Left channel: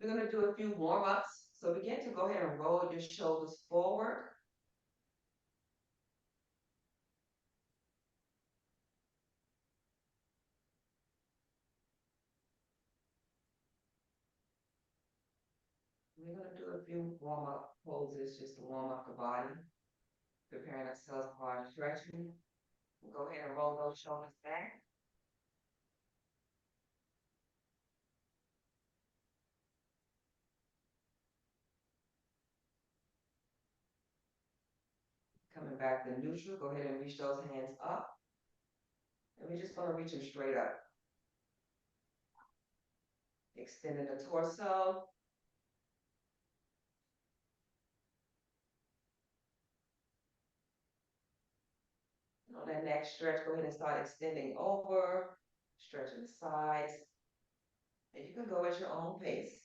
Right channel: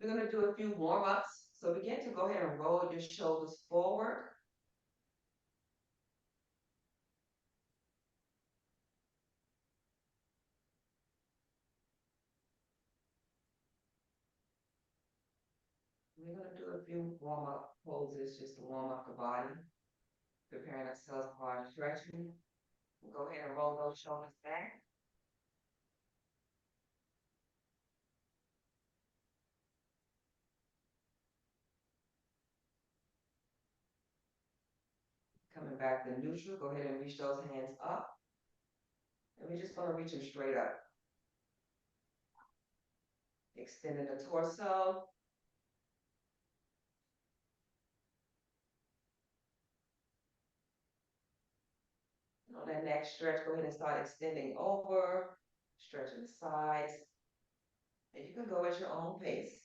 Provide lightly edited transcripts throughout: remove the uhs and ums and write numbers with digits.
We're going to do a few warm-ups. So begin to go ahead and roll your shoulders forward. We're going to do a few warm-up poses just to warm up the body, preparing ourselves for our stretching. Go ahead and roll those shoulders back. Coming back to neutral, go ahead and reach those hands up. And we're just going to reach them straight up. Extending the torso. On that next stretch, go ahead and start extending over, stretching the sides. And you can go at your own pace.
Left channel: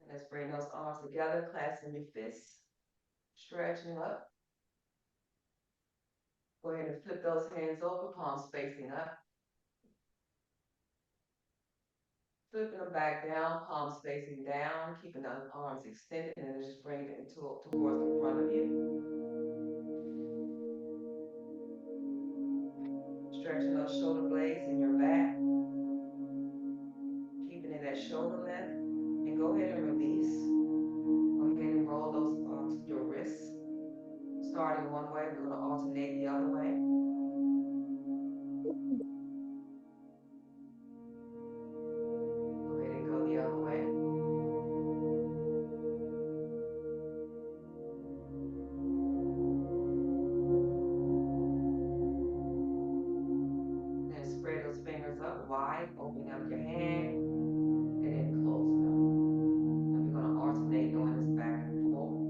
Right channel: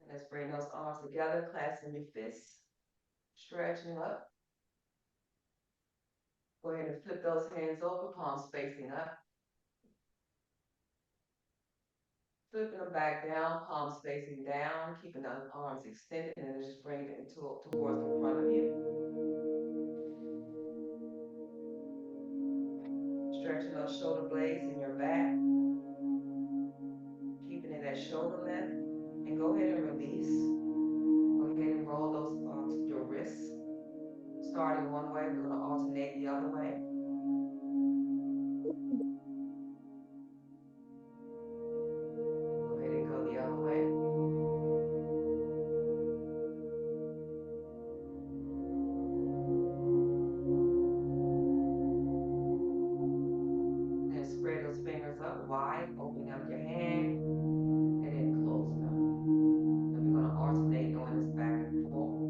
And let's bring those arms together, clasping your fists, stretching up. Go ahead and flip those hands over, palms facing up. Flipping them back down, palms facing down, keeping the arms extended, and then just bring it towards the front of you. Stretching those shoulder blades in your back, keeping it at shoulder length, and go ahead and release. Go ahead and roll those your wrists. Starting one way, we're going to alternate the other way. Go ahead and go the other way. And spread those fingers up wide, opening up your hand, and then closing them. And we're going to alternate doing this back and forth.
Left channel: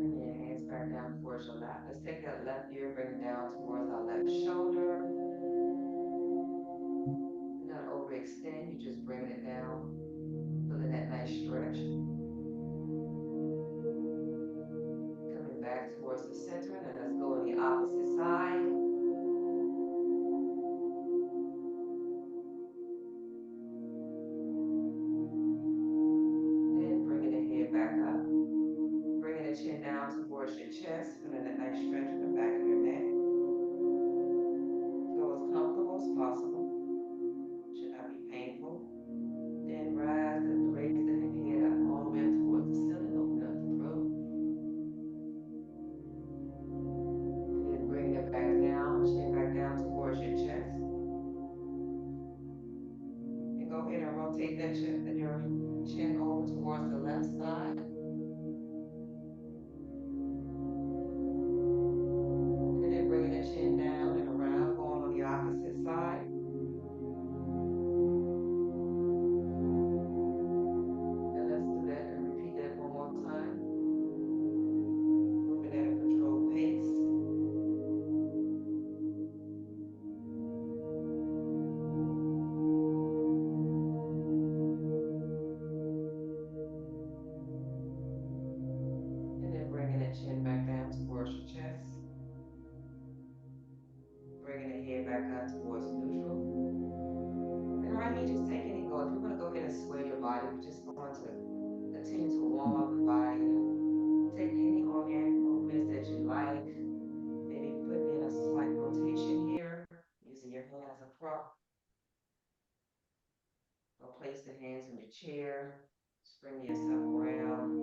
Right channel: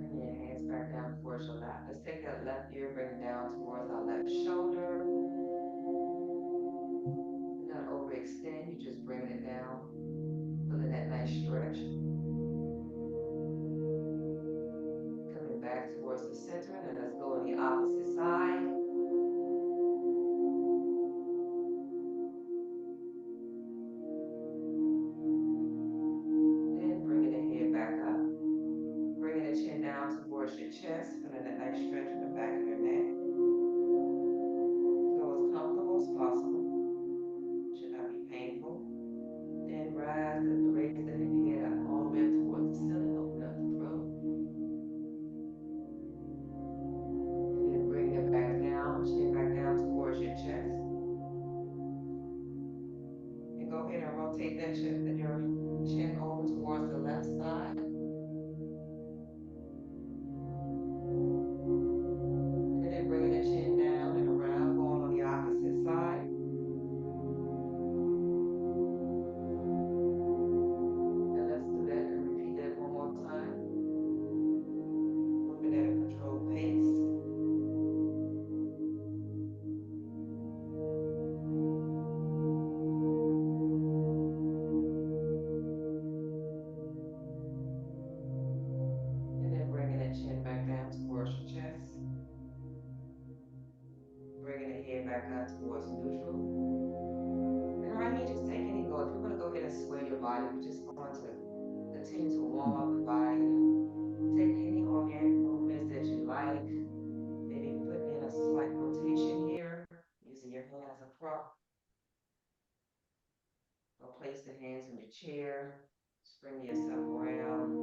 Bring your hands back down towards your lap. Let's take that left ear, bring it down towards our left shoulder. Do not overextend, you just bring it down, feeling that nice stretch. Coming back towards the center, and then let's go on the opposite side. Then bringing the head back up. Bringing the chin down towards your chest, feeling that nice stretch in the back of your neck. Go as comfortable as possible. Should not be painful. Then raise the head up all the way up towards the ceiling, open up the throat. And then bring it back down, chin back down towards your chest. And go ahead and rotate your chin over towards the left side. And then bringing the chin down and around, going on the opposite side. And let's do that and repeat that one more time. Moving at a controlled pace. And then bringing that chin back down towards your chest. Bringing the head back up towards neutral. And right here, just take any go. If you're going to go ahead and sway your body, we're just going to continue to warm up the body. Take any organic movements that you like. Maybe put in a slight rotation here, using your hand as a prop. Or place the hands in your chair. Spring yourself around.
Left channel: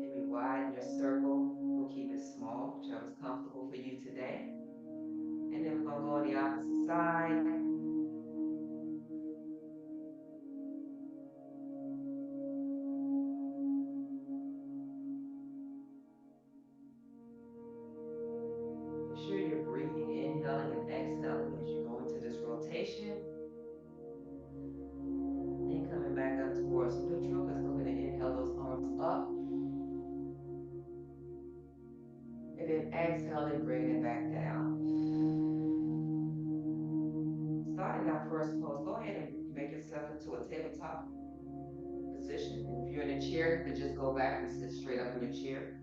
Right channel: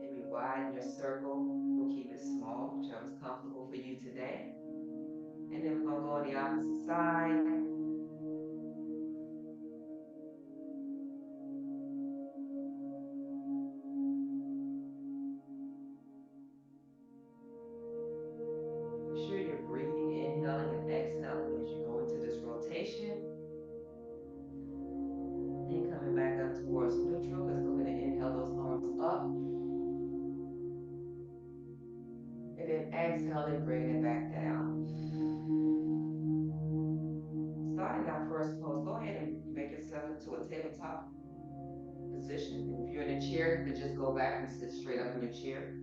Maybe widen your circle. We'll keep it small, whichever's comfortable for you today. And then we're going to go on the opposite side. Make sure you're breathing, inhaling and exhaling as you go into this rotation. And coming back up towards neutral. Let's go ahead and inhale those arms up. And then exhaling, bringing it back down. Starting our first pose, go ahead and make yourself into a tabletop position. And if you're in a chair, you can just go back and sit straight up in your chair.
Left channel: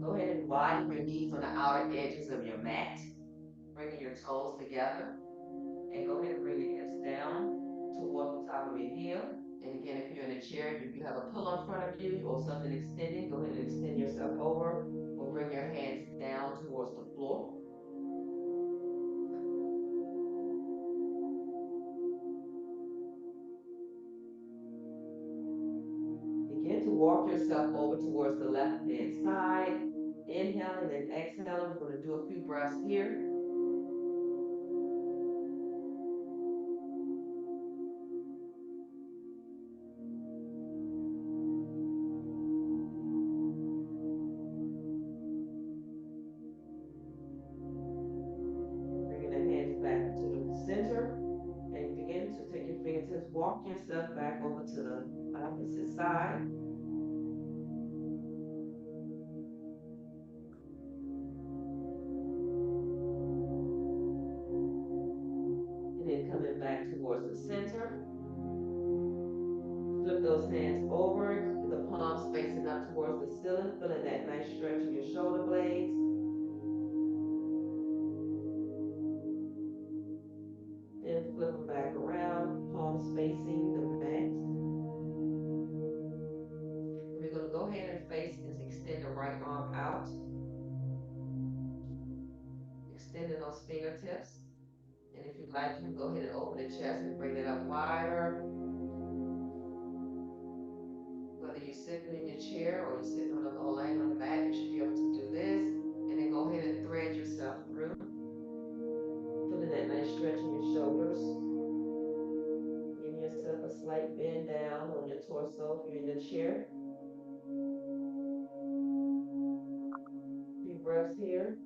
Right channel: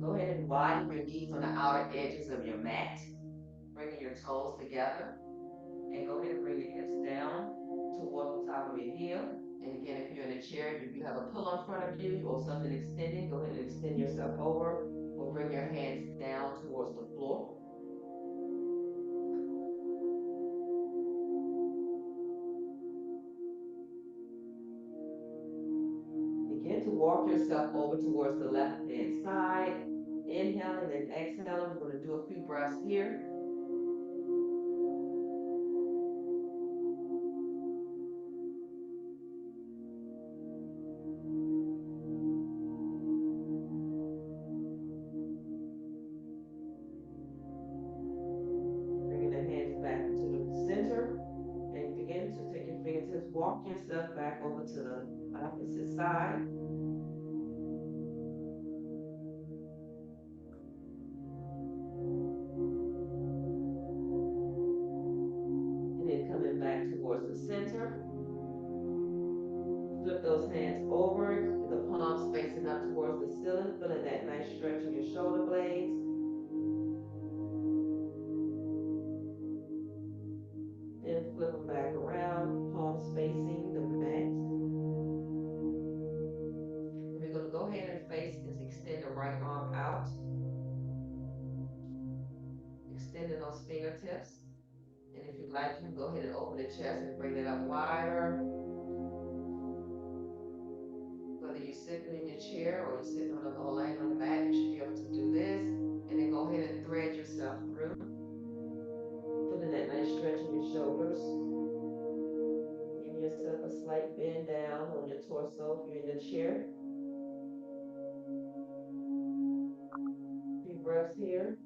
Go ahead and widen your knees on the outer edges of your mat, bringing your toes together. And go ahead and bring your hips down towards the top of your heel. And again, if you're in a chair, if you have a pillow in front of you or something extending, go ahead and extend yourself over or bring your hands down towards the floor. Begin to walk yourself over towards the left-hand side. Inhaling and exhaling. We're going to do a few breaths here. Bringing the hands back to the center. And begin to take your fingertips, walk yourself back over to the opposite side. And then coming back towards the center. Flip those hands over, the palms facing up towards the ceiling, feeling that nice stretch in your shoulder blades. Then flip them back around, palms facing the mat. We're going to go ahead and face and extend the right arm out. Extending those fingertips. And if you'd like, you can go ahead and open the chest and bring it up wider. Whether you're sitting in your chair or you're sitting on or laying on the mat, you should be able to do this. And then go ahead and thread yourself through. Feeling that nice stretch in your shoulders. Give yourself a slight bend down on your torso if you're in the chair. Few breaths here.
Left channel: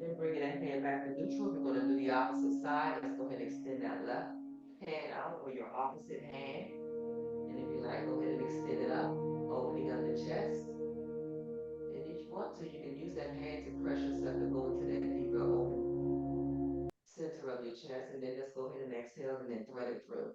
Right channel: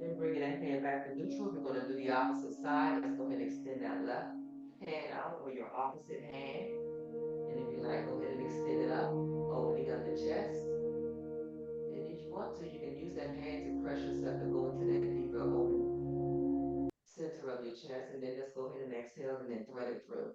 Then bringing that hand back to neutral. We're going to do the opposite side. Let's go ahead and extend that left hand out or your opposite hand. And if you like, go ahead and extend it up, opening up the chest. And if you want to, you can use that hand to press yourself to go into that deeper open center of your chest. And then let's go ahead and exhale and then thread it through.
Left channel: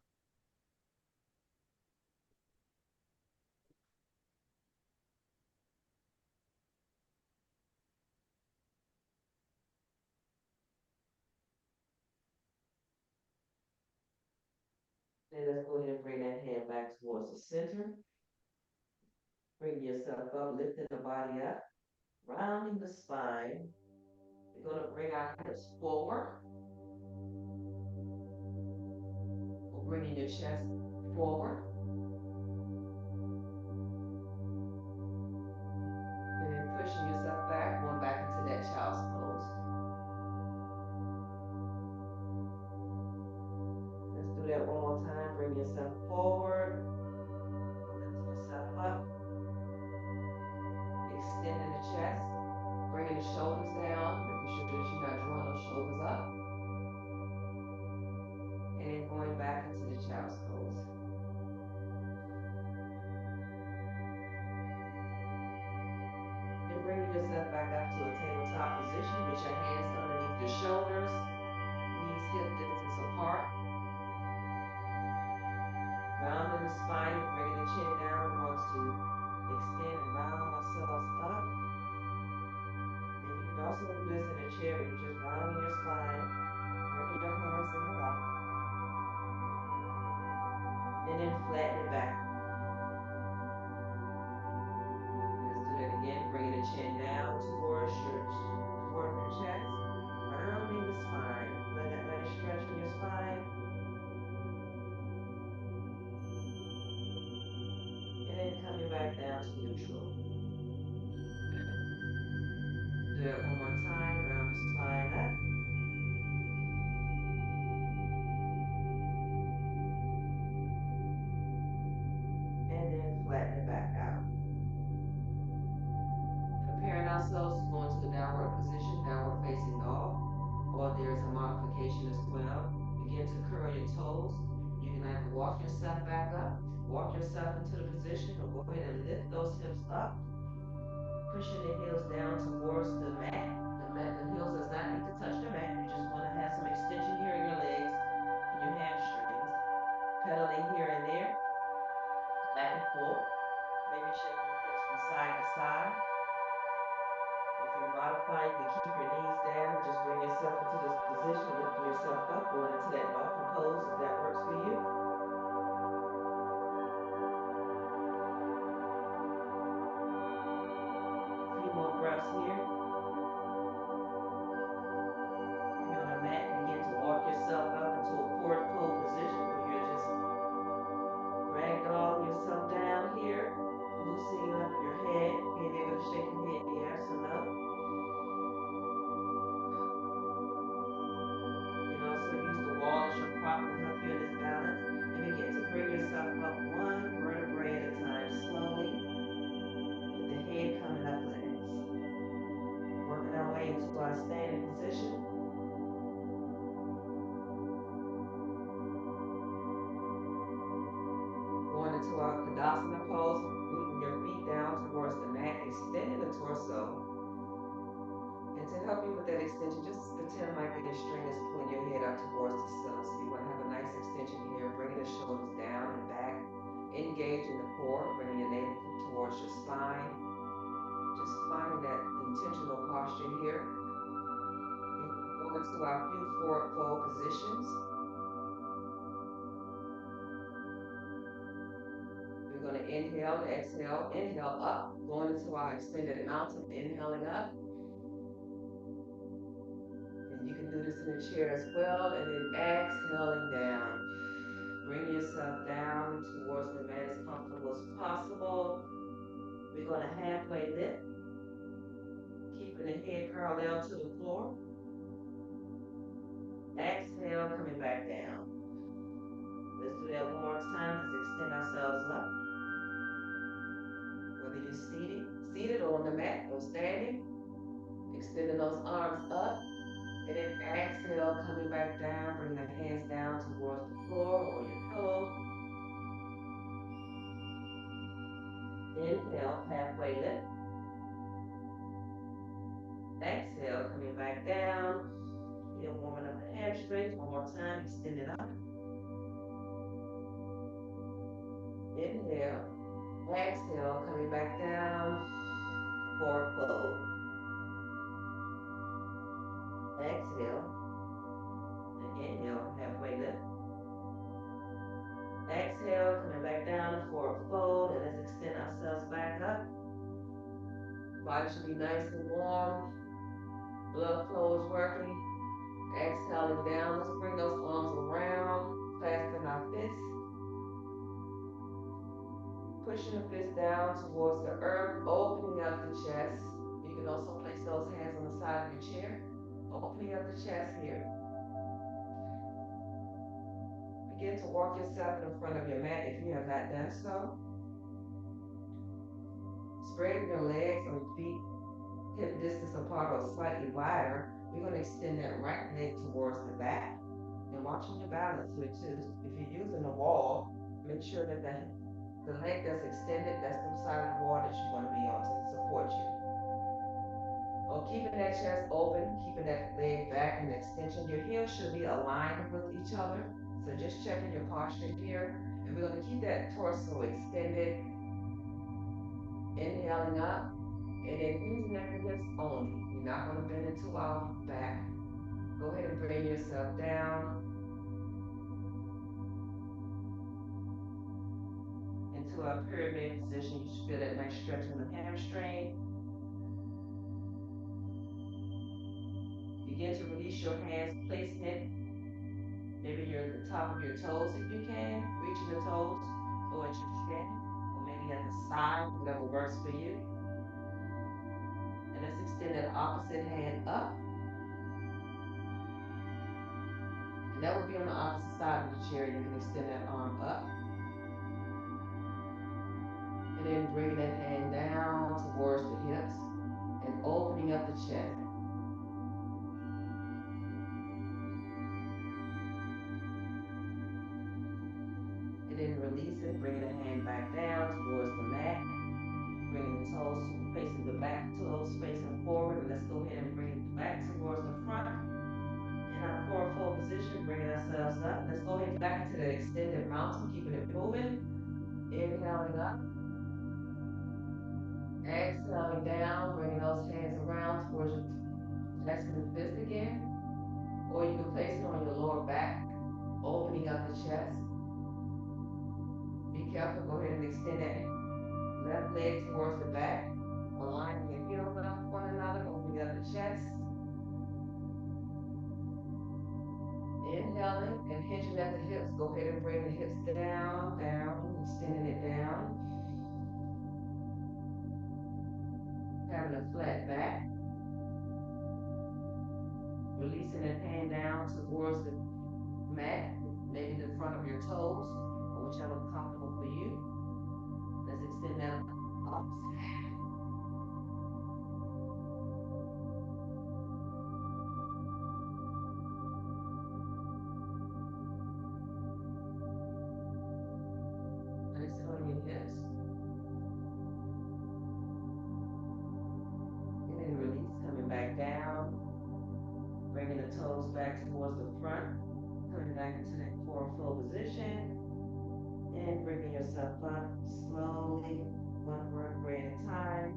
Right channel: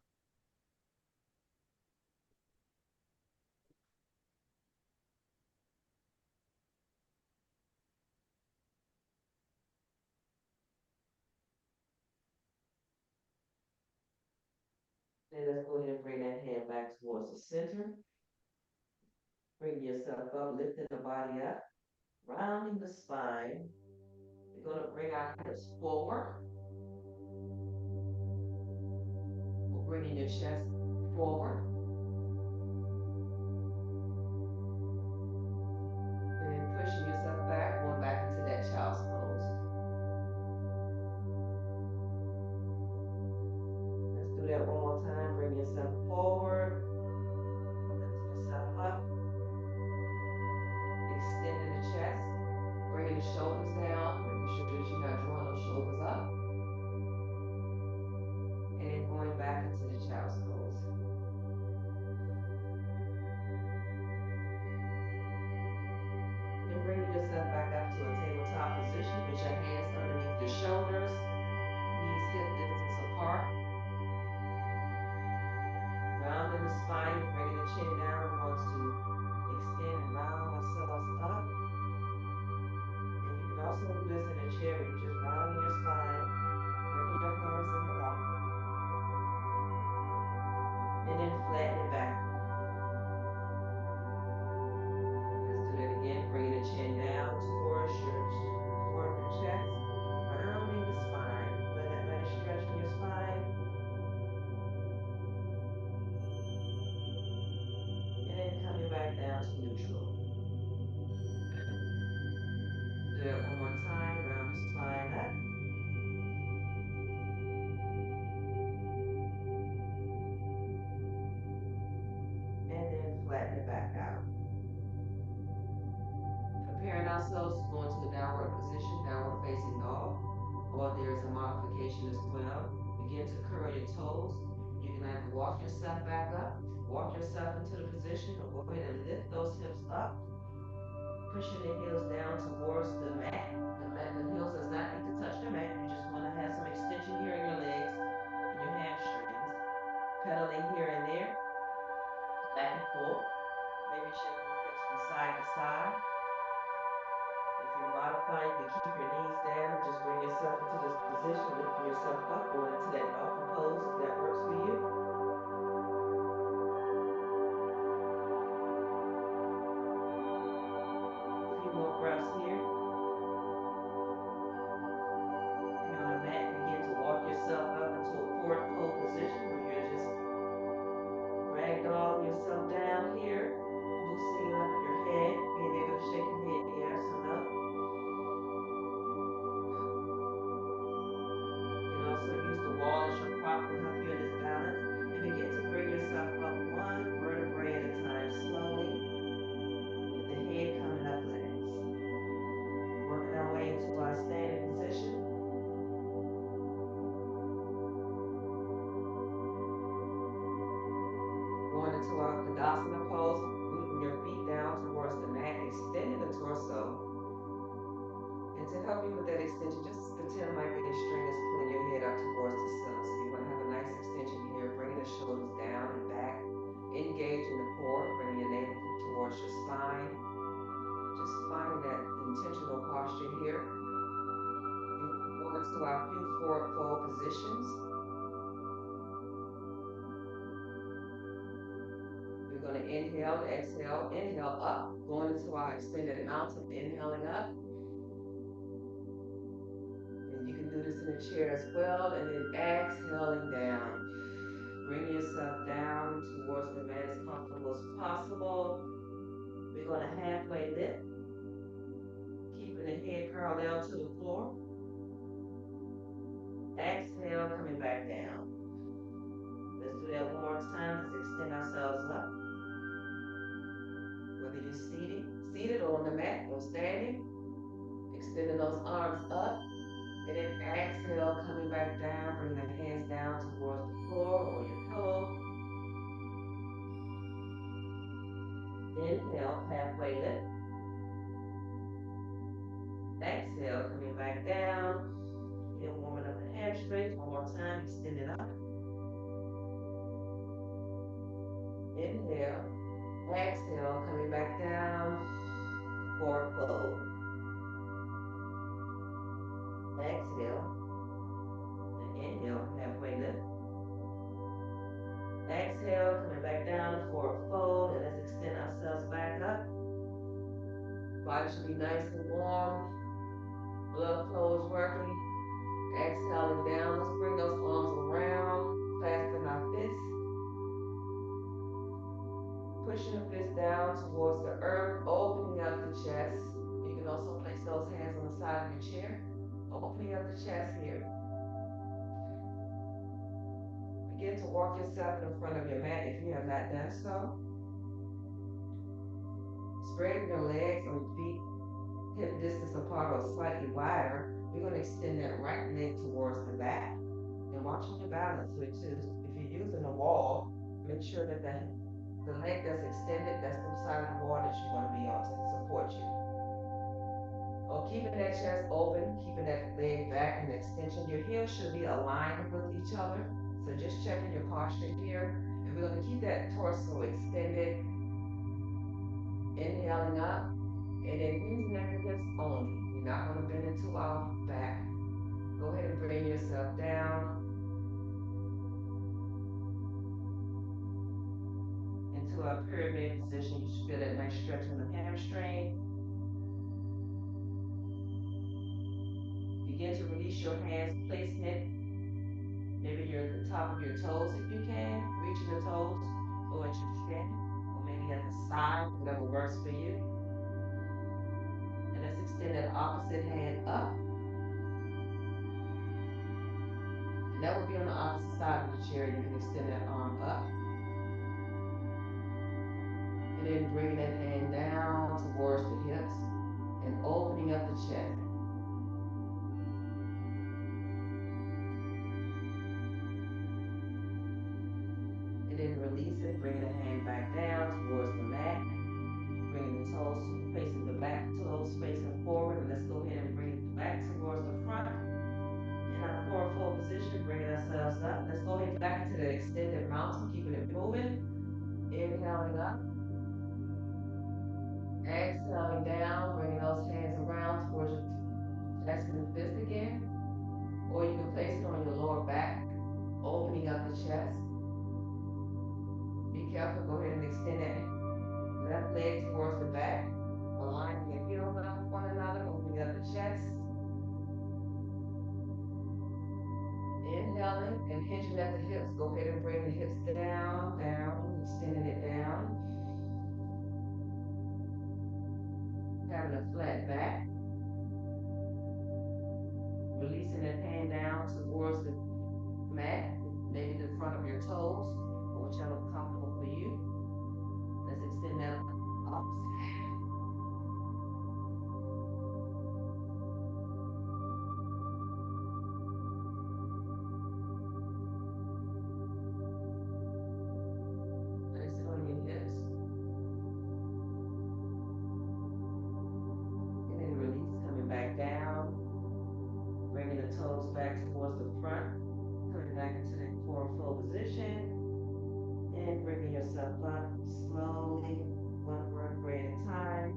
Then let's go ahead and bring that hand back towards the center. Bring yourself up, lifting the body up, rounding the spine. We're going to bring our hips forward. We're bringing your chest forward. And then pushing yourself back, going back into that child's pose. Let's do that one more time. Bring yourself forward. Lift yourself up. Extending the chest. Bringing the shoulders down. Making sure that you're not drawing those shoulders up. And then going back into the child's pose. Then bringing yourself back up to a tabletop position with your hands underneath your shoulders. Knees hip distance apart. Rounding the spine, bringing the chin down. We want to extend and round ourselves up. And you can also do this in a chair where you're just rounding your spine, bringing your hands in your lap. And then flatten it back. Let's do that again. Bringing the chin down towards your chest. Rounding the spine. Let that nice stretch in your spine. And then coming back down to neutral. Do that one more time. Round the spine up. And then flatten it back out. Preparing ourselves to go into the downward position, downward facing dog. Or there's a modification as well. Begin to curl your toes. You can either walk yourself back up, walk yourself into the position, or go ahead and lift those hips up, pushing the heels down towards the mat. The heels does not need to touch the mat. You just want to have some extension here in your legs and your hamstrings. Pedaling here and there, back and forth. Maybe shifting the hips from side to side. If you're modifying, you can keep your knees down and just bring yourself into this position, lifting yourself up, going into that dolphin pose if that works for you. A few more breaths here. If you're on a mat, begin to walk yourself up into a forward fold position where you're just ragdolling yourself down here, loosening up your head, being able to shake your head yes or no. You can also use the wall as your prop to help you in this balance. And begin to bring yourself up one vertebrae at a time, slowly, with the head coming up last. Working our way into our standing position. Going into our Tadasana pose, rooting your feet down towards the mat, extending the torso. And to help you with that extension, just pretend like a string is pulling your head up towards the ceiling. So you want to have a nice extension here, bringing the shoulders down and back, engaging the core, bringing your navel towards your spine. Just finding that intentional posture here. Going into our few forward fold positions. We're going to inhale, exhale, inhale up, going into our extended mountain, inhaling up. And you can do this in a chair as well, and then exhaling down. Bring yourself down towards the mat as comfortable as possible. We're going to halfway lift, keeping the head parallel to the floor. Exhale, coming back down. Let's do that one more time. Let's extend ourselves up. Whether you're seated or on the mat or standing, extending those arms up. And then exhale, coming back down, bring the hands down towards the floor or your pillow. Inhale, halfway lift. Exhale, coming back down. Then warming up the hamstrings. One more time, extend it up. Inhale. Exhale, coming back down. Forward fold. Exhale. And inhale, halfway lift. Exhale, coming back down, forward fold, and let's extend ourselves back up. Body should be nice and warm. Blood flow is working. Exhaling down. Let's bring those arms around, clasping our fists. Pushing the fists down towards the earth, opening up the chest. You can also place those hands on the side of your chair, opening up the chest here. Begin to walk yourself in front of your mat if you have not done so. Spread your legs or feet hip distance apart or slightly wider. We're going to extend that right leg towards the back. And watching your balance here too. If you're using a wall, make sure that the leg that's extended, that's the side of the wall that you're going to be on to support you. Or keeping that chest open, keeping that leg back in extension. Your heels should be aligned with each other. So just checking your posture here. And we're going to keep that torso extended. Inhaling up. And then knees, neck, and hips only. You're not going to bend into our back. Go ahead and bring yourself down into a pyramid position. You should feel that nice stretch in the hamstring. Begin to release your hands, placing it maybe you're at the top of your toes if you can, reaching the toes, or at your chin, or maybe at the side, whatever works for you. And let's extend that opposite hand up. And that would be on the opposite side of the chair. You can extend that arm up. And then bring that hand down towards the hips and opening up the chest. then releasing, bringing the hand back down towards the mat, bringing the toes facing the back toes facing forward. And let's go ahead and bring it back towards the front. In our forward fold position, bringing ourselves up. Let's go ahead back into the extended mountain, keeping it moving. Inhaling up, exhaling down, bringing those hands around towards your chest and fist again. Or you can place it on your lower back, opening up the chest. Be careful, go ahead and extend that left leg towards the back, aligning your heels up with one another, opening up the chest. Inhaling and hinging at the hips. Go ahead and bring the hips down, down, extending it down. Having a flat back. Releasing that hand down towards the mat, maybe the front of your toes, or whichever is comfortable for you. Let's extend that up. Place it on your hips. And then release, coming back down. Bringing the toes back towards the front. Coming back into that forward fold position. And bringing yourself up slowly, one vertebrae at a time.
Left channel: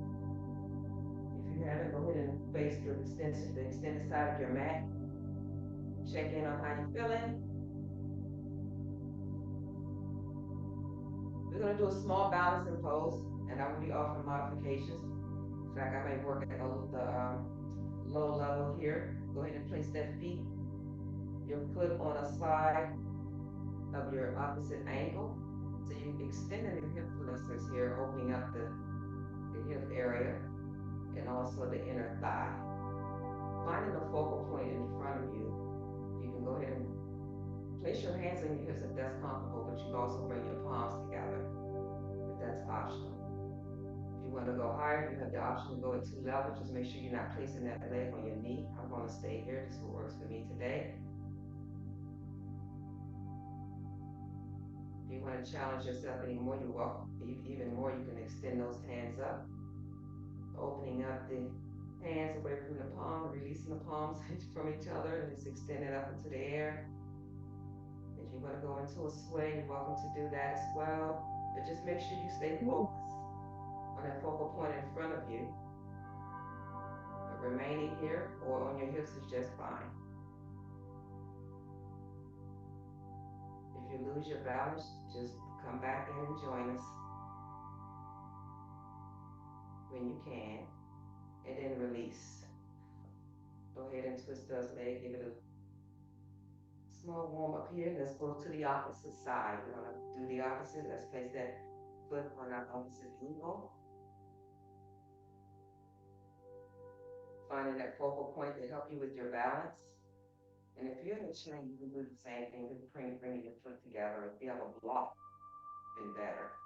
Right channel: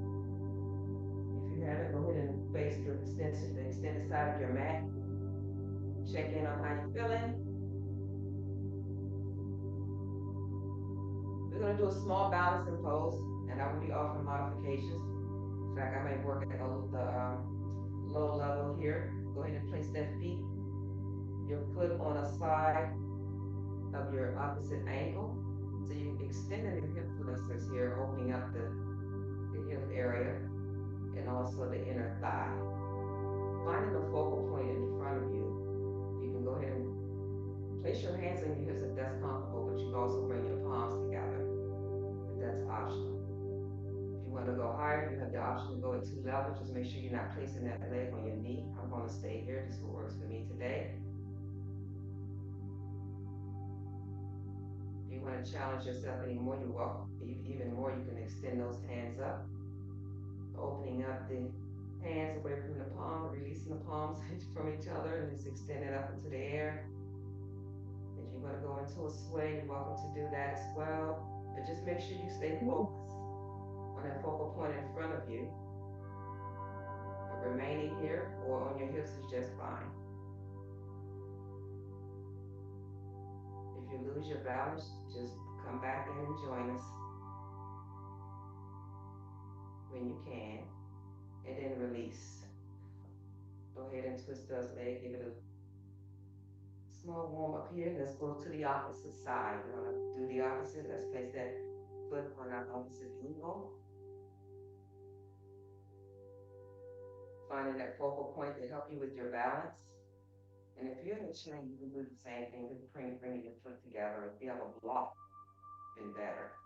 If you haven't, go ahead and face the extended side of your mat. Check in on how you're feeling. We're going to do a small balancing pose, and I will be offering modifications. In fact, I may work at the low level here. Go ahead and place that your foot on a side of your opposite ankle. So you're extending your hip flexors here, opening up the hip area and also the inner thigh. Finding a focal point in front of you, you can go ahead and place your hands on your hips if that's comfortable, but you can also bring your palms together if that's optional. If you want to go higher, you have the option to go at 2 levels. Just make sure you're not placing that leg on your knee. I'm going to stay here. This is what works for me today. If you want to challenge yourself anymore, you're welcome. Even more, you can extend those hands up, opening up the hands away from the palm, releasing the palms from each other, and just extend it up into the air. If you want to go into a sway, you're welcome to do that as well. But just make sure you stay focused on that focal point in front of you. But remaining here or on your hips is just fine. If you lose your balance, just come back in and join us when you can, and then release. Go ahead and twist those legs, give it a small warm up here. Let's go to the opposite side. We're going to do the opposite. Let's place that foot on our opposite ankle. Finding that focal point to help you with your balance. And if you're in a chair, you can do the same thing, just bringing your foot together. If you have a block, then better.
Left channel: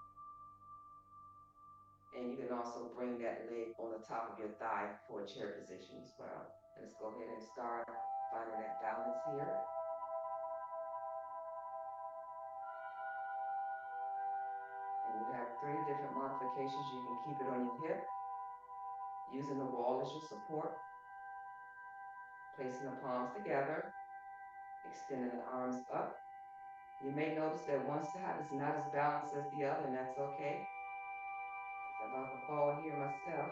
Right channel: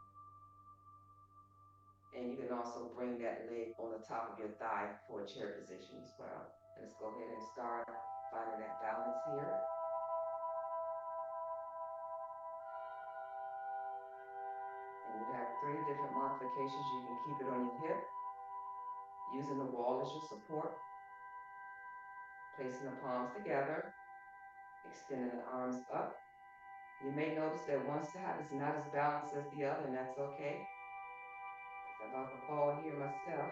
And you can also bring that leg on the top of your thigh for a chair position as well. Let's go ahead and start finding that balance here. And you have 3 different modifications. You can keep it on your hip, using the wall as your support, placing the palms together, extending the arms up. You may notice that one side is not as balanced as the other, and that's okay. I'm about to fall here myself.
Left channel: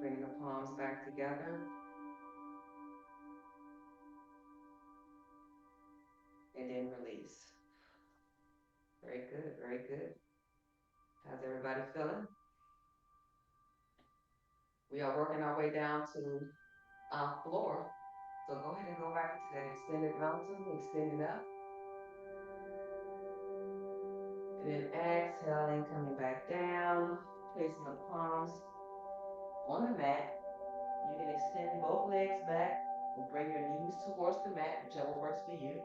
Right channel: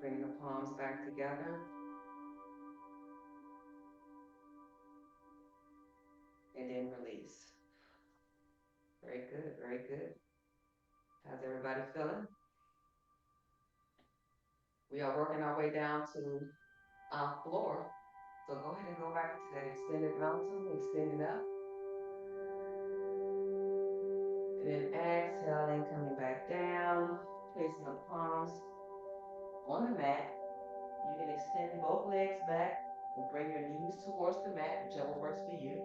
Bring the palms back together. And then release. Very good, very good. How's everybody feeling? We are working our way down to our floor. So go ahead and go back into that extended mountain, extending up. And then exhaling, coming back down, placing the palms on the mat. You can extend both legs back and bring your knees towards the mat, whichever works for you.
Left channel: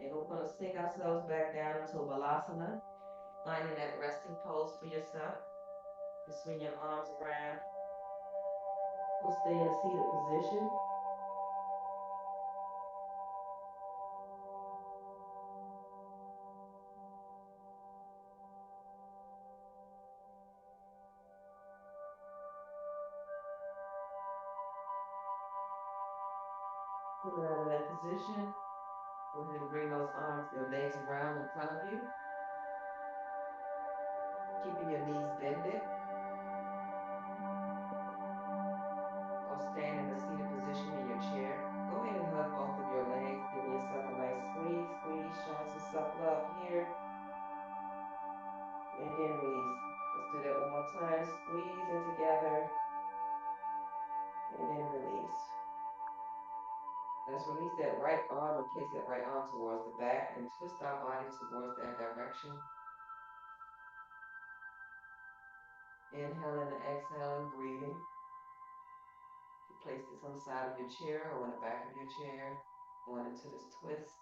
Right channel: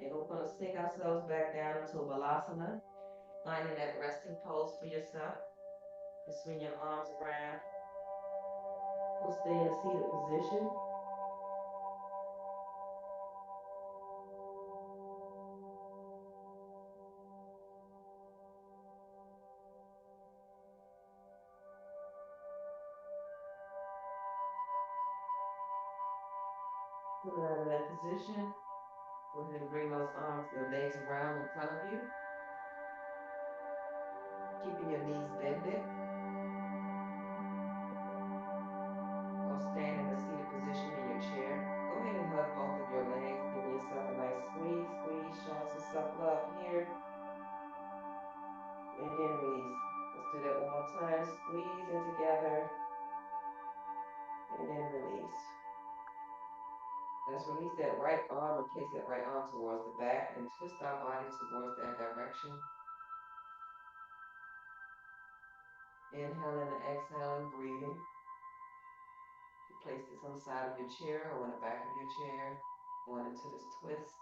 And we're going to sink ourselves back down into Balasana, finding that resting pose for yourself. Just swing your arms around. We'll stay in a seated position. Coming out of that position, go ahead and bring those arms, your legs around in front of you, keeping your knees bended. Or stand in a seated position in your chair. Go ahead and hug both of your legs. Give yourself a nice squeeze, squeeze, show some self-love here. And then release. Let's do that one more time. Squeeze in together. And then release. Let's release that right arm or place that right arm towards the back and twist our body towards that direction. Inhaling and exhaling, breathing. You place this on the side of your chair or on the back of your chair. Going into this twist.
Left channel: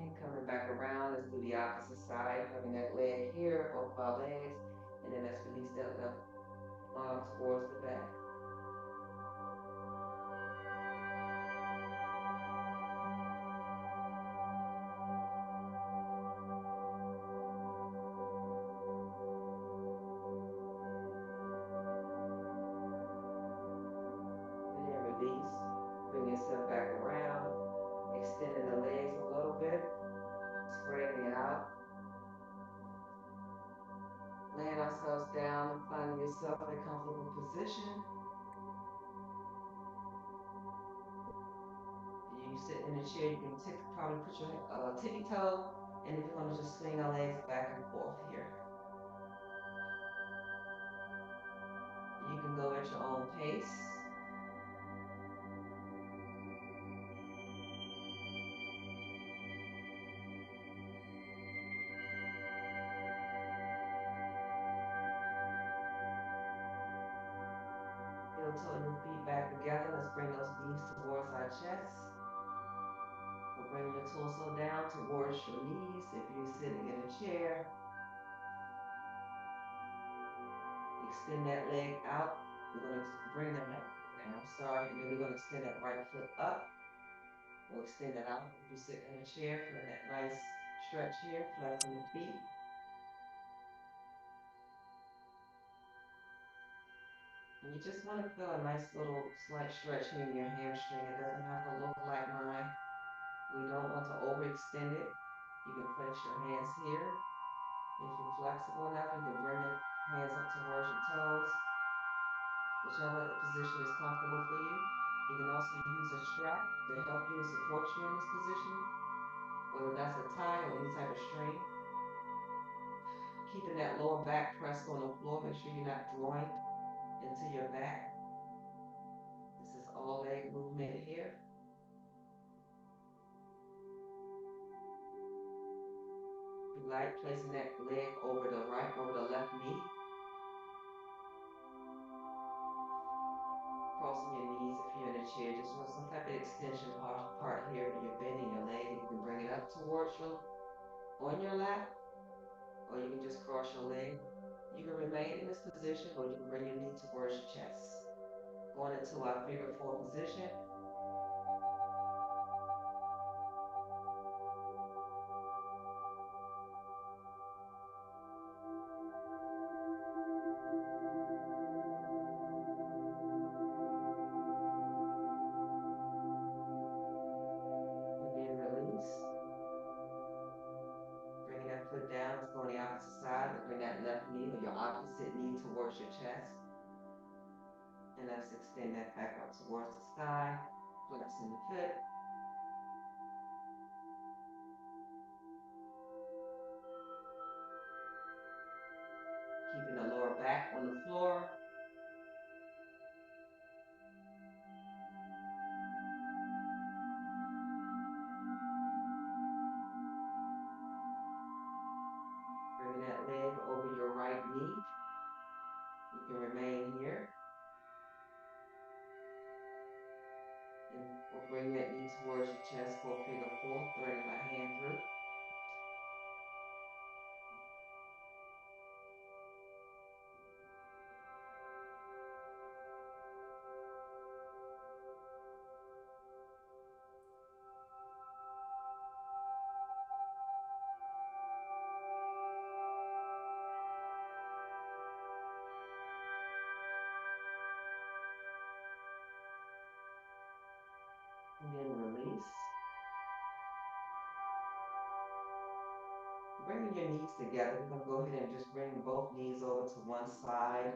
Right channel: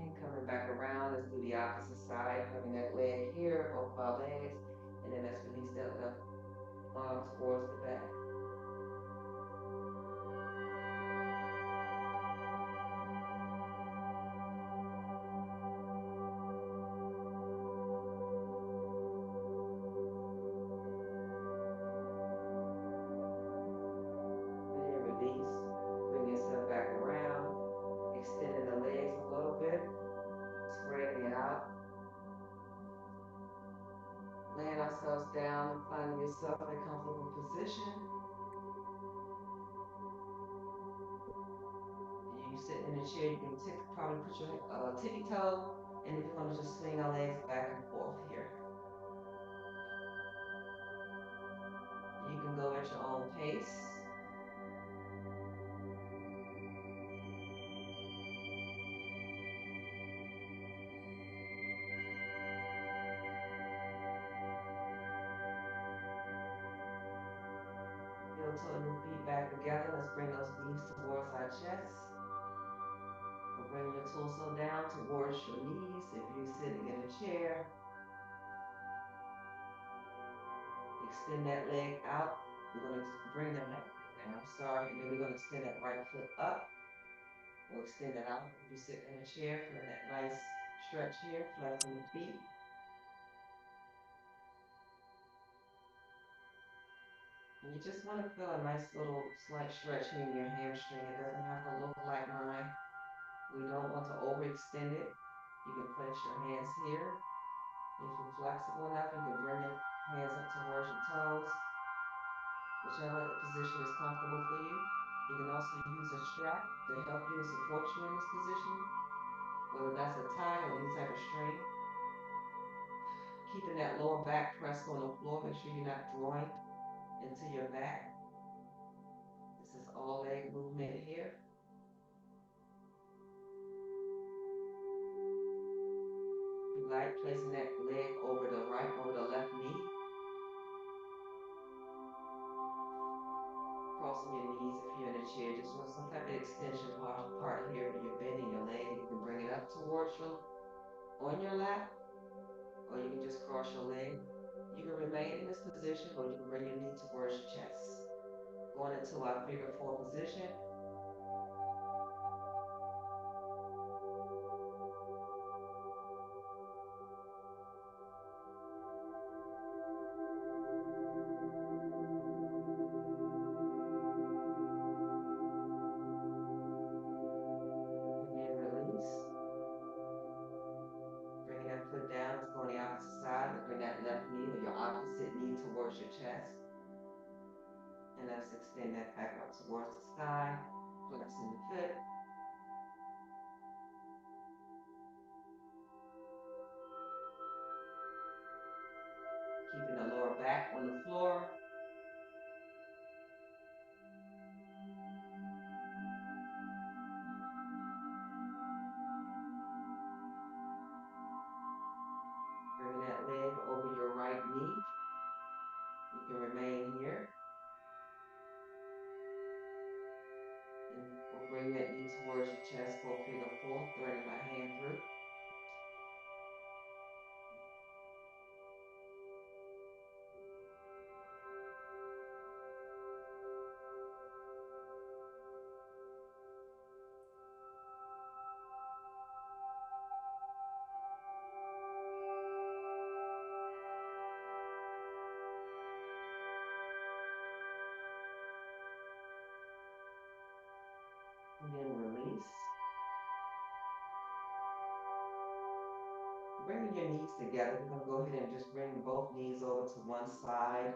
And coming back around, let's do the opposite side, having that leg here, both of our legs, and then let's release that left arm towards the back. And then release, bring yourself back around, extending the legs a little bit, spreading it out. Laying ourselves down and finding yourself in a comfortable position. You sit in a chair, you can probably put your tippy toe, and then we're going to just swing our legs back and forth here. You can go at your own pace. Heel toe and feet back together. Let's bring those knees towards our chest. We'll bring your torso down towards your knees if you're sitting in a chair. Extend that leg out. We're going to bring that neck down. And then we're going to extend that right foot up. We'll extend it out. If you sit in a chair, feel that nice stretch here, flexing the feet. And you just want to feel a nice little slight stretch here in your hamstring. It doesn't have to look like mine. We don't want to overextend it. You can place your hands here. If you're flexible enough, you can bring your hands up towards your toes. Whichever position is comfortable for you. You can also use a strap to help you and support you in this position, whether that's a tie or any type of string. Keeping that lower back pressed on the floor. Make sure you're not drawing into your back. This is all leg movement here. If you like, placing that leg over the left knee. Crossing your knees if you're in a chair. Just want some type of extension part here when you're bending your leg. You can bring it up towards you on your lap, or you can just cross your leg. You can remain in this position, or you can bring your knee towards your chest. Going into our figure 4 position. And then release. Bring that foot down. Let's go on the opposite side. Let's bring that left knee or your opposite knee towards your chest. And let's extend that back up towards the sky. Flexing the foot. Keeping the lower back on the floor. Bringing that leg over your right knee. You can remain here. And we'll bring that knee towards your chest for figure 4, threading my hand through. And then release. Bringing your knees together, we're going to go ahead and just bring both knees over to one side.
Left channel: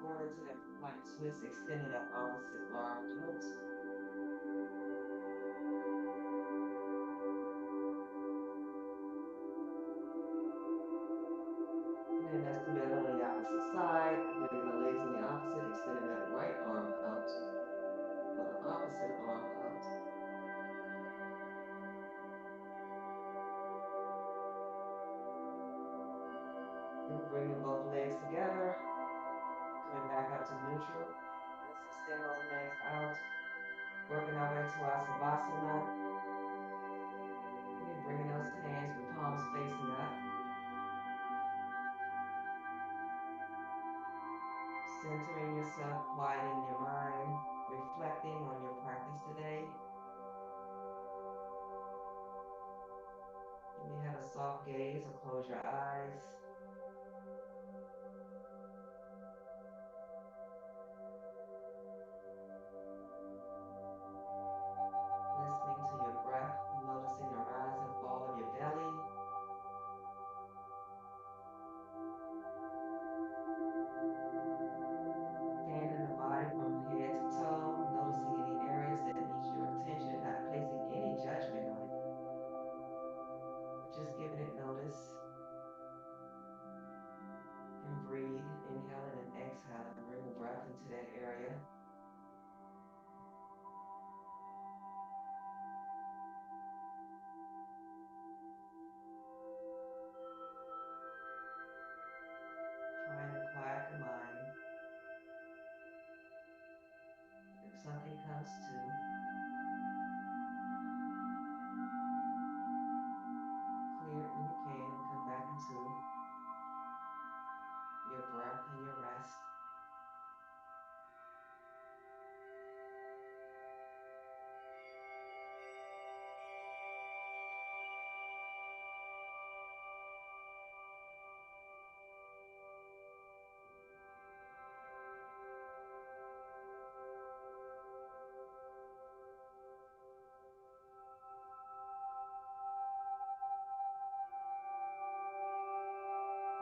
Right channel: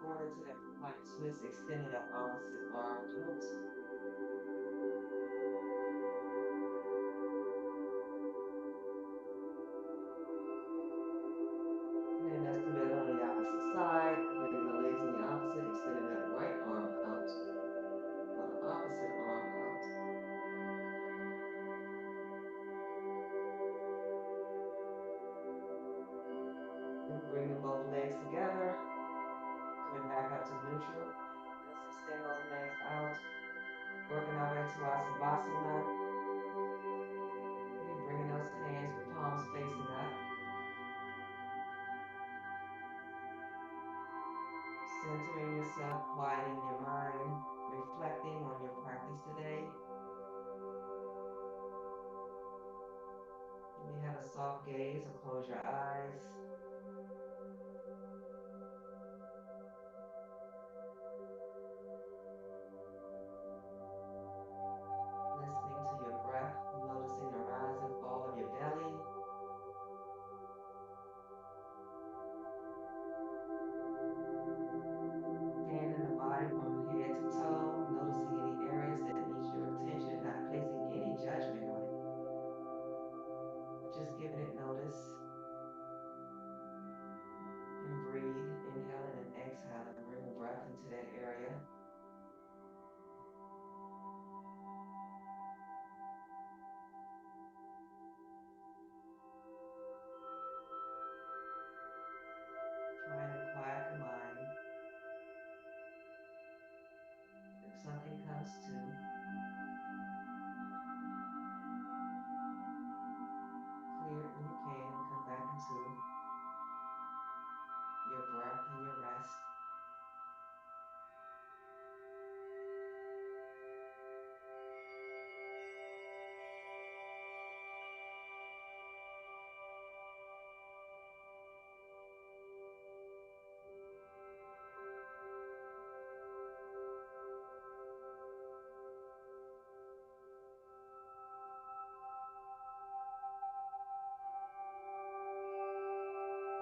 Going into that plank twist, extending that opposite arm out. And then let's do that on the opposite side. Bringing the legs in the opposite, extending that right arm out. Or the opposite arm out. Then bringing both legs together. Coming back up to neutral. Let's extend those legs out. Working our way to our Savasana. We're bringing those hands with palms facing up. Centering yourself, quieting your mind, reflecting on your practice today. You may have a soft gaze or close your eyes. Listening to your breath, noticing the rise and fall of your belly. Scanning the body from head to toe, noticing any areas that need your attention, not placing any judgment on it, but just giving it notice. And breathe, inhaling and exhaling. Bring the breath into that area. Trying to quiet the mind. If something comes to, clear it when you can and come back into your breath and your rest.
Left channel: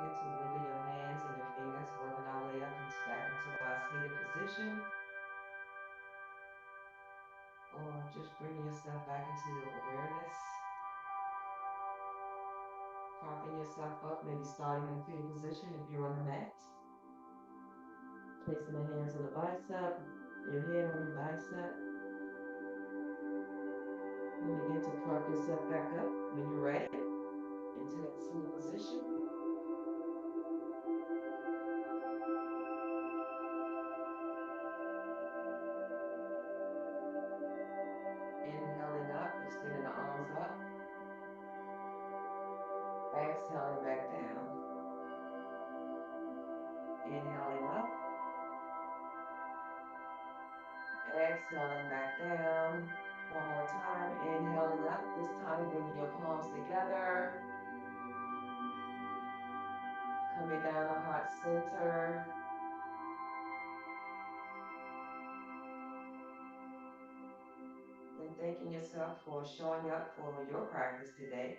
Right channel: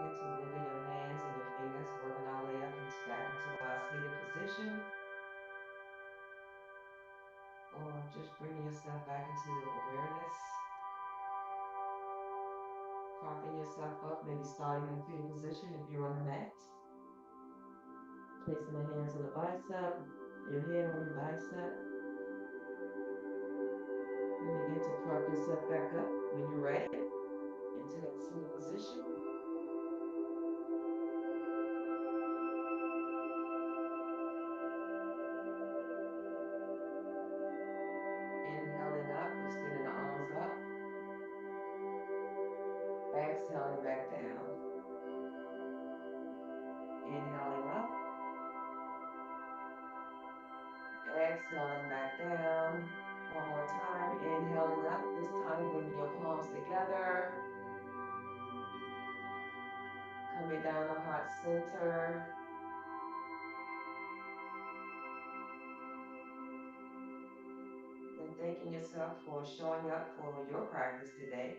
Get to wiggle your hands and your fingers, working our way up and back into our seated position. Or just bringing yourself back into your awareness. Propping yourself up, maybe starting in a fetal position if you're on the mat. Placing the hands on the bicep, your head on the bicep. And begin to prop yourself back up when you're ready into that seated position. Inhaling up, extending the arms up. Exhaling back down. Inhaling up. Exhaling back down. One more time. Inhaling up. This time, bring your palms together. Coming down to heart center. And thanking yourself for showing up for your practice today.